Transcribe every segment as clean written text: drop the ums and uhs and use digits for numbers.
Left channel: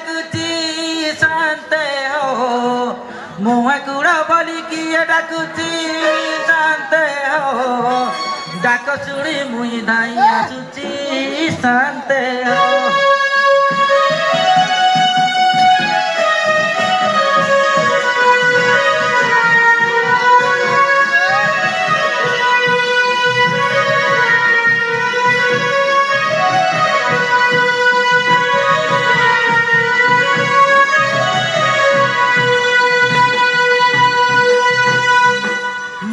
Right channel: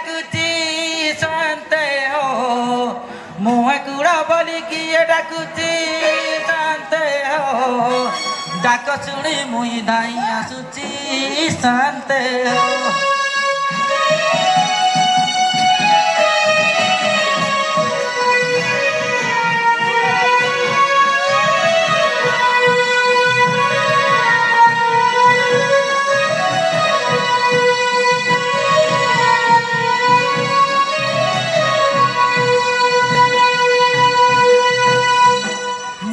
डाकुची शांते हो मुहे कुड़ा बोली किए डाकुची शांते हो डाक शुणी मुई धाई आसुची शांते हो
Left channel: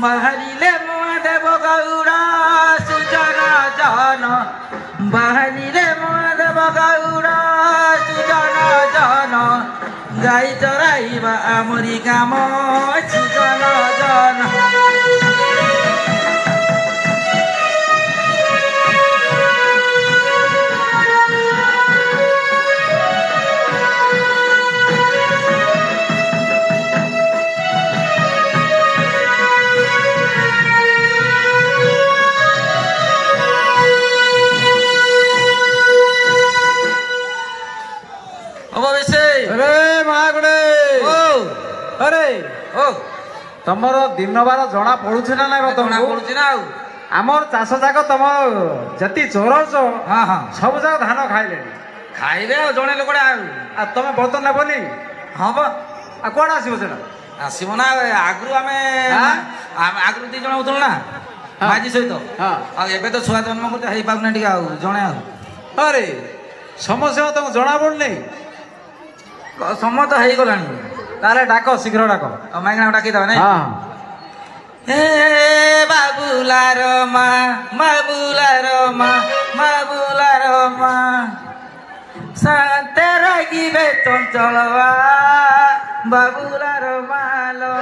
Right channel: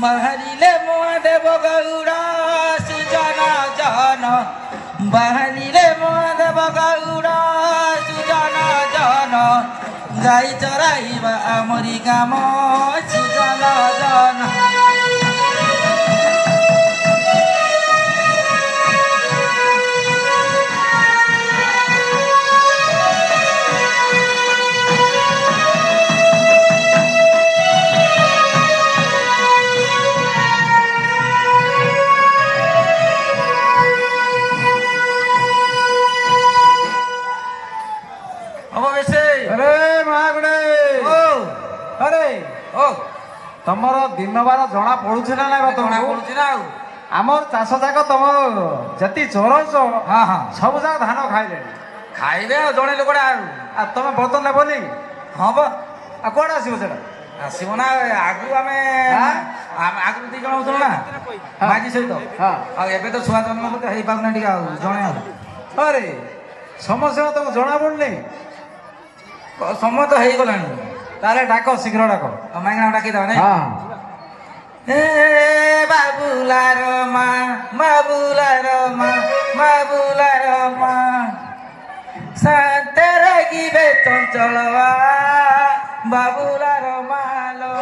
बाहरिले महादेव गौड़ा सुजना जन बाहरिले महादेव गौड़ा सुजना जन गाई चराइबा आमरी काम सुजना जन तमर दिन बार जना पड़ुछ ना ना जना पड़ुछ ना आमर चाष जाक तुम जति चोरौच हाँ हाँ सब जाक धान खाइले खाइबे जड़े लोकड़ा तुम बर्तन नेबनी हाँ बा कौन आसो से आसब ना आगु आम आगु दी जन होतल ना माजी सहित एबे तो छुआ जन्म करते हो पाना टे जड़े अरे समस्या तुमको जना पड़नी समय तो हो गला ताले डाक शीघ्र डाक माइक डाकी दवा नहीं बाबुला रमा बाबुला रमा बाबुला रमा शांते रगिबे चंचलवा बाबुला रमालो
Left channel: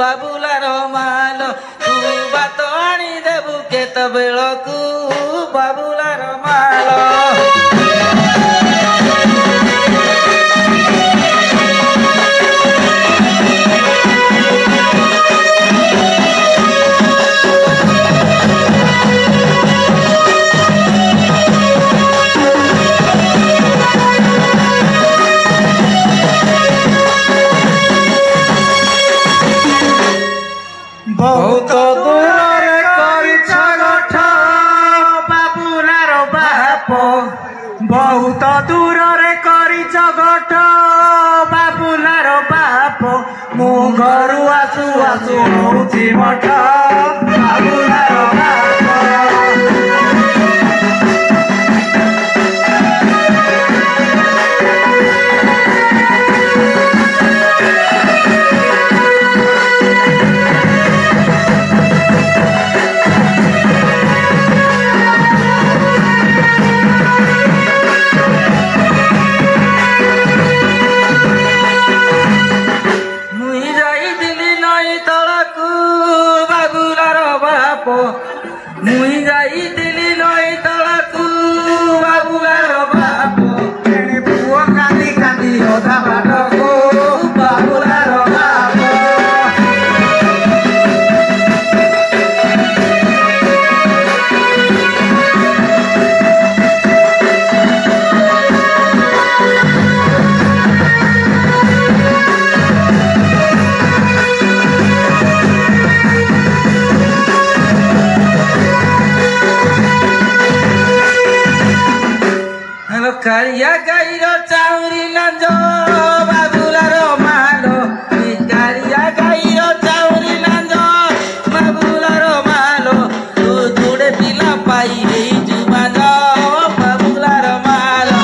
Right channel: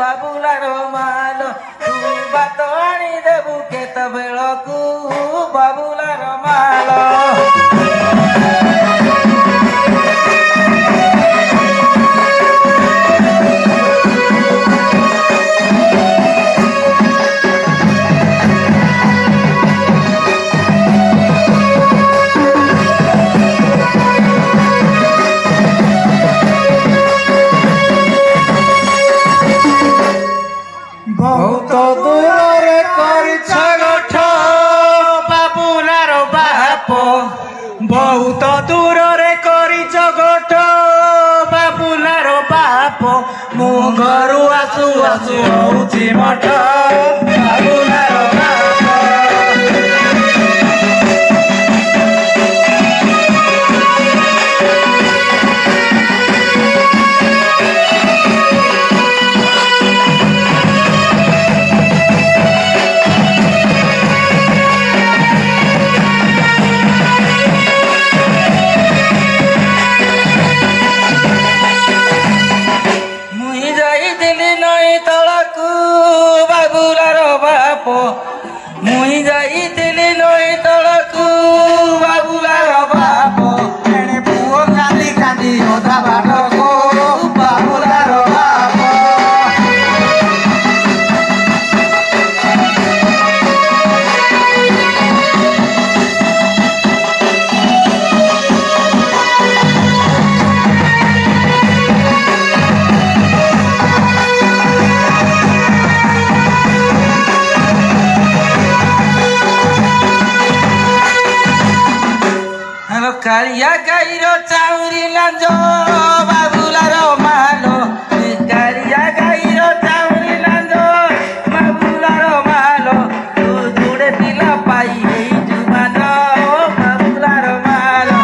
बाबुला रमालो तू बात आनी देबू केत बेलकू बाबुला रमालो बहुत दूर कर गठ बाबुलार बाप बहुत दूर कर गठ बाबुलार बाप मु घर आसु आसु हूँ मठ बाबुलार बाप मुई जाइली नई तलकू बाबुलार बाप तेणे पुओ कांदी कांदी अधा बाटको बाबुलार बाप कारिया गाईर चाउरी लांज बाबुलार मालो कारिया गाईर चाउरी लांज बाबुलार मालो तू जुड़े पिला पाई जुबान बाबुलार मालो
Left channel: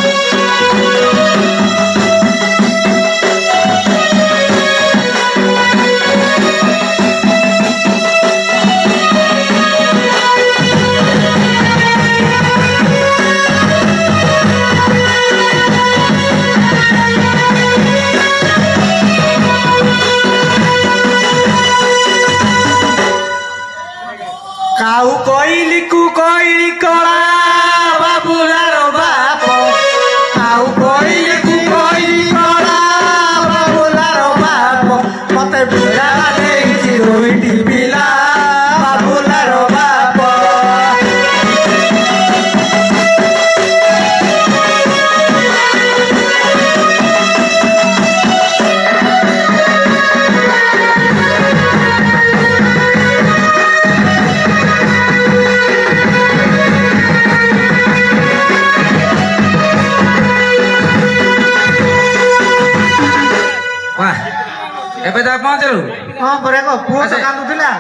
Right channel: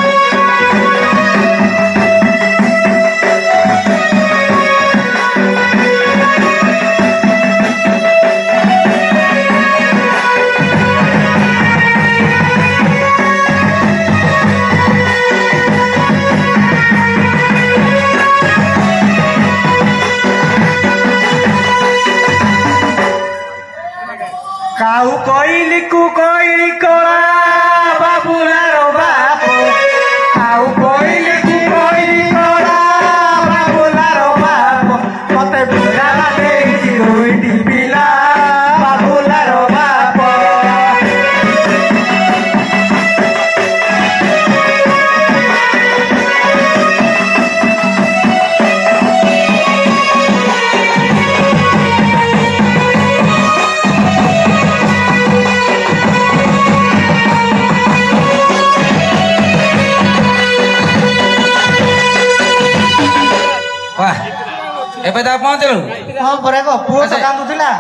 ଏବେ ତା ପହଞ୍ଚିଲୁ ହଁ ପରେ କହ ପୁଅ ତ କାନ୍ଦୁଥିଲା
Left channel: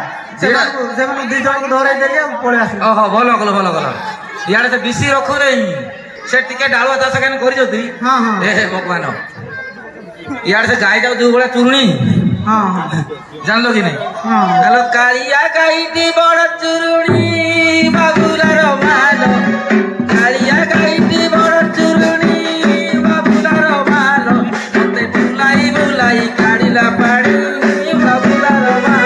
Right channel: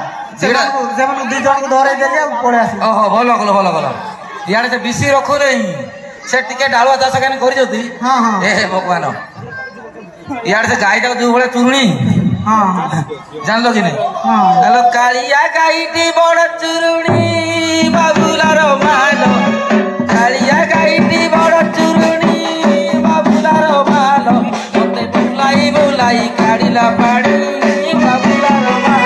ସେମାନଙ୍କୁ 2 ଜଣଙ୍କୁ ଧରେଇ ଦେଲି ଆଉ ପଳେଇ ଆସିଲି। ଓହୋ ଭଲ କଲ ଭଲ କଲ ଇଆଡେ ସେ ବିସି ରଖୁନି ସେ ଟିକେ ଡାଳୁଆ ଚାଷ କେন କରିଛନ୍ତି ଏ ଭଗବାନ ଇଆଡେ ସେ ଗାଈଟାକୁ ଯୋଉ ଭଳିଆ ଚୁରୁଣି ଜାଣିଲ କି ନାଇଁ ହ୍ୟାଲୋ କାଳିଆ ଗାଈଟି ବଡ ଚୁରୁଣି ବାବୁଲାର ମାଲ କାଳିଆ ଗାଈଟି ବଡ ଚୁରୁଣି ବାବୁଲାର ମାଲ ମତେ ବୁଲାଇ ବୁଲାଇ କାଢିଲା ପାଣି ବାବୁଲାର ମାଲ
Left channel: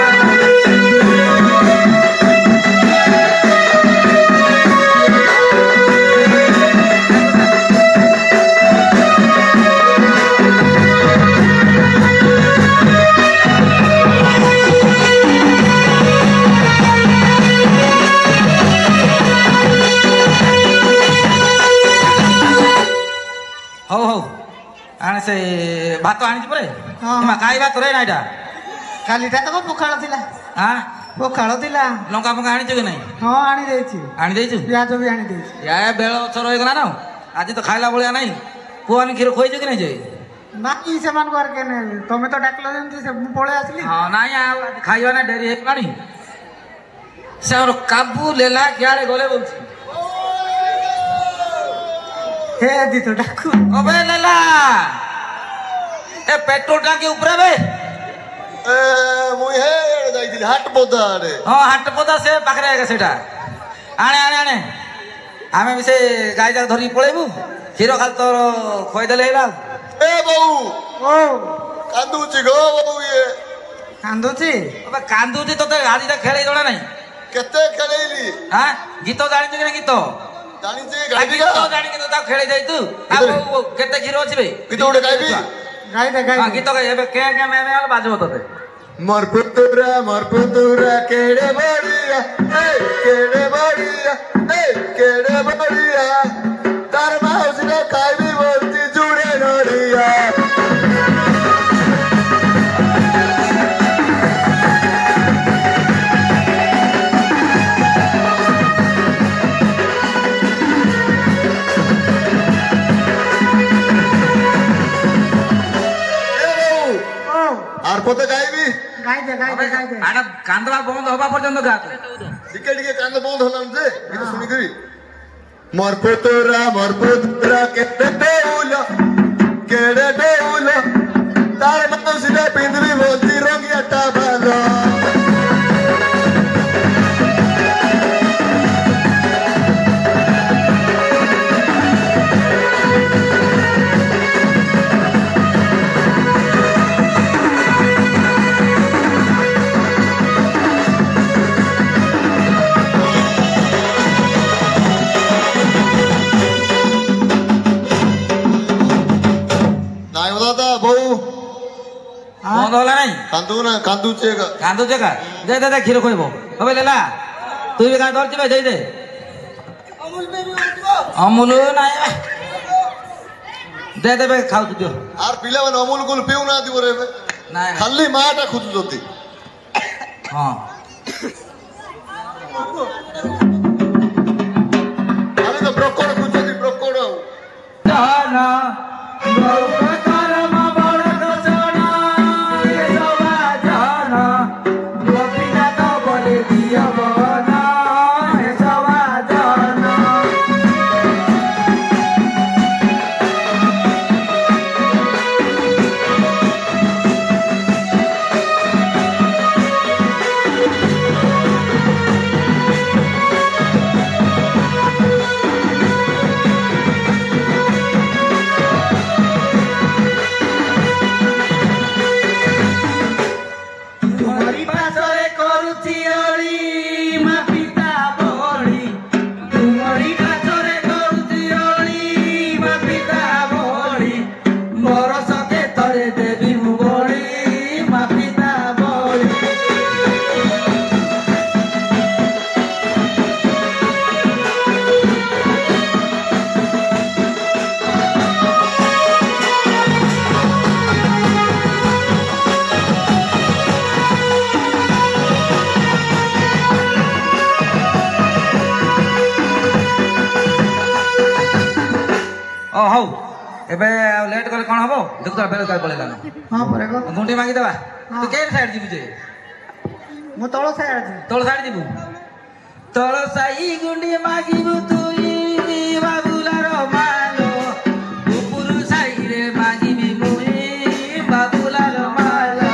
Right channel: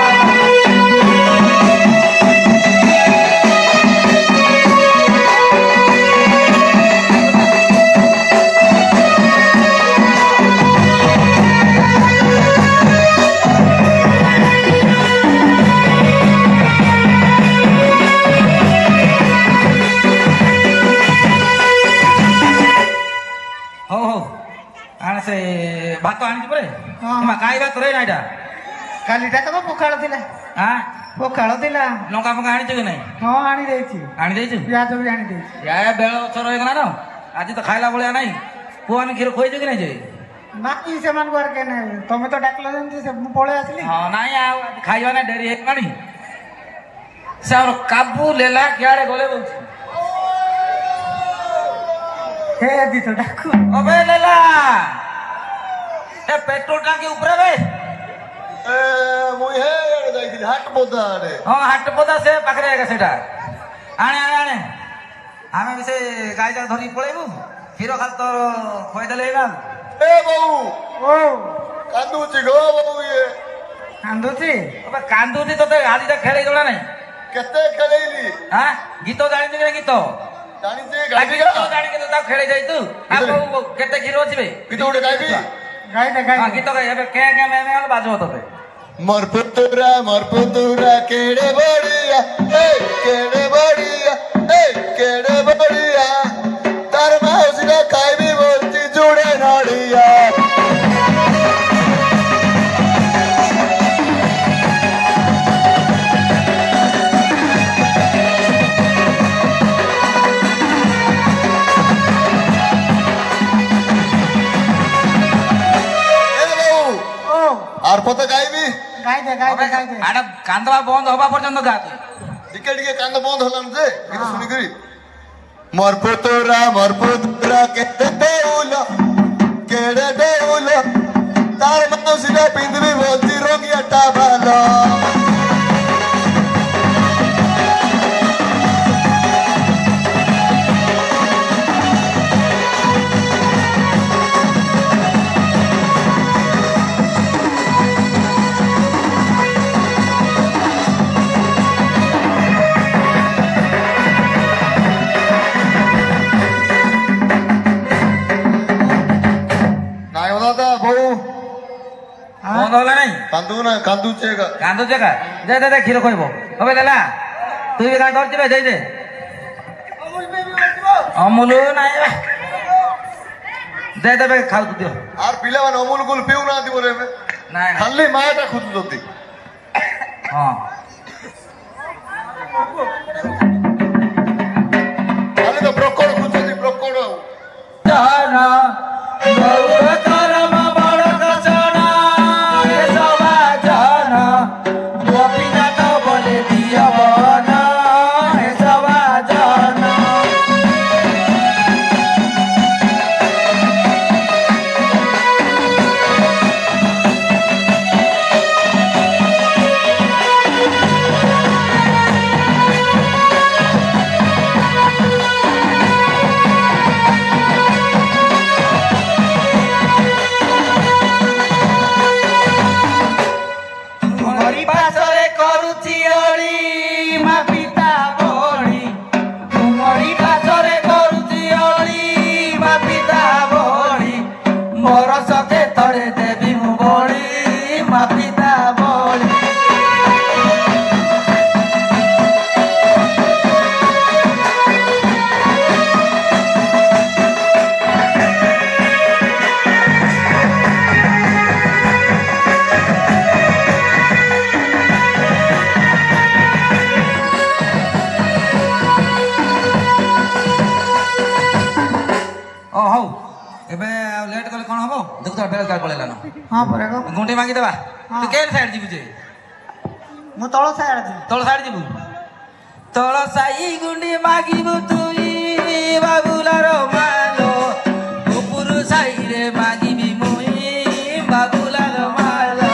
ସେ ଭାତ ଆଣିଛି ପରେ କାଇ ଭାତ ରେ ନାଇଟା କାଲିଟା ତ ପଖାଳ ଥିଲା ପଖାଳ ଥିଲା ଲଙ୍କା ଫଙ୍କା ଆଣିଛୁ କି ନାଇଁ? ହଁ ଆଣି ଦେଇଛୁ ପିଆଜ ବି ଆଣି ଦେଇଛୁ ବେଳ ଅଛର ହେଇଗଲା ନା ଆଜି ତ ଖାଇଲା ଭଳିଆ ନାଇଁ ପୁଅମାନେ କ୍ଷୀର ଖୋଇଛୁ କି ନାଇଁ ଯେ ନାଇଁ ସେମାନଙ୍କୁ ଆଉ କେନେ ତମେ ତ ଡାକିଲ ଯେମିତି ମୁଁ ପଳେଇ ଆସିଲି ହଁ ନାଇଁ ଆଉ ଖାଇବା ନା ଡେରି ହେଇଗଲାଣି ସେ ଆମର କାବୁ ଲେଲା କିଆଡେ ଗଲେ ବଲୁଛି ହେ ଦି ତ ଡାକୁ ଅବେ ଲେଲା ଏ पेट्रोल टाकी ऊपर बे मु हे जाइदिली हाट पोदा रे हां हाट पोदा से पाखरे आगा सेटा आणे आणे आणे हमें भी से गाय जा धरी पळेबु खीरो खाल तो खोइ देले हेला ए बाऊ ओ कांदुची गो बाऊ ये कांदुची अबे कांदुची तते आदि ता खेले जणा नाही केते खेलेली हां गीतो जानि कि गीतो जानि जे गाडी का गीतो जानि के ता खेले जाई तू आ केते खीरो अछि बे गीतो उडे गाइबी गाई दे गाई गीत एबे के मैं बाजबो तते मोर पुतुरा केड़े बड़िया तार माउसी ना खाइबी बोलती जुड़े नड़िया आर पोते गाइबी गाई दे आना कांदवा बंद होबा पर्यंत गा टिके टिके कांद बंद हलाम जे गीत सुनी करी मोर पुतुरा केते डेउलो तार माउसी ना पिंदरी बोलती रंगिया टाबालो बंद होला नहीं कांदुचे का दे खीर खोइबो अबे लेला तू भी का दरची बे दे अमूल नाही दे बे खाउ तू दियो आर पिला मन अमूल गुल पिउ ना दिबो रे नाही खाली माटा खुद जोती हां खाली तो ब्रोकोड खुजती ब्रोकोड जाना गौर तरम बड़ कसना ए सवा जाना गोपीना तो बोले दिया बना ए सवा जाना लेट कले कौन हम देख बेल काल पड़ेगा हाँ पर गुंटी मांगी देवा ତୁ କେନ୍ ସାଇଡ୍ ଯିବୁ ଯେ ମୁଁ ତଳ ସାଇଡ୍ ଯିବି ତଳ ସାଇଡ୍ ଯିବୁ ତଳ ସାଇ ଗୁଣ୍ଡି ମାଗିବୁ ତୁଇ ବାବୁଲାର ମାଲୋ ଉପରୁ ସାଇରେ ମାଗିବି ମୁଇ ବାବୁଲାର ମାଲୋ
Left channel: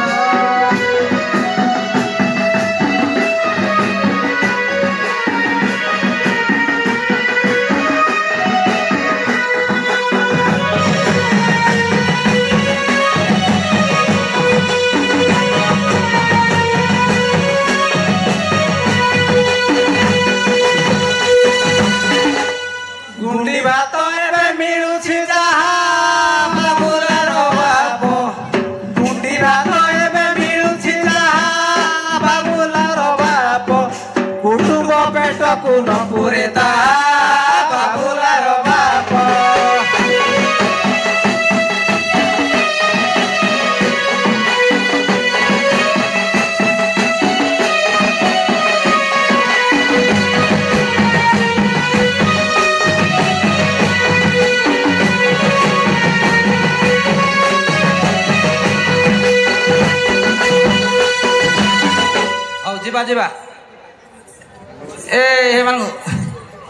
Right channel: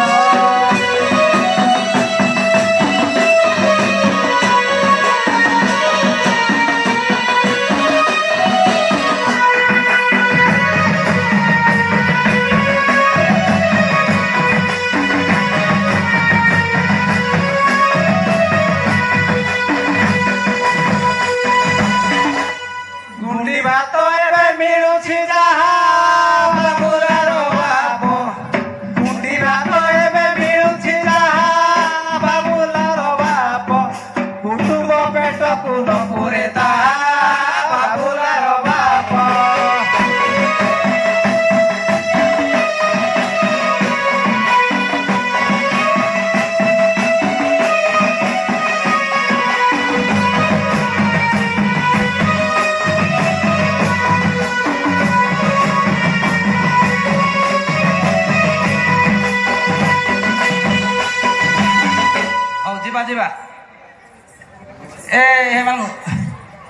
ଯିବା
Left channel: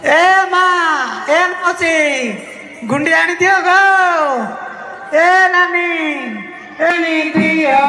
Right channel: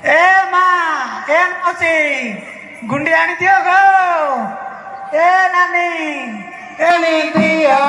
ଏ ମା ଏ ଅଛି ଗୁଣ୍ଡି ଆଣିଦିଅ ଗୋ ଏ ନାନୀ ଏଣି ଦିଅ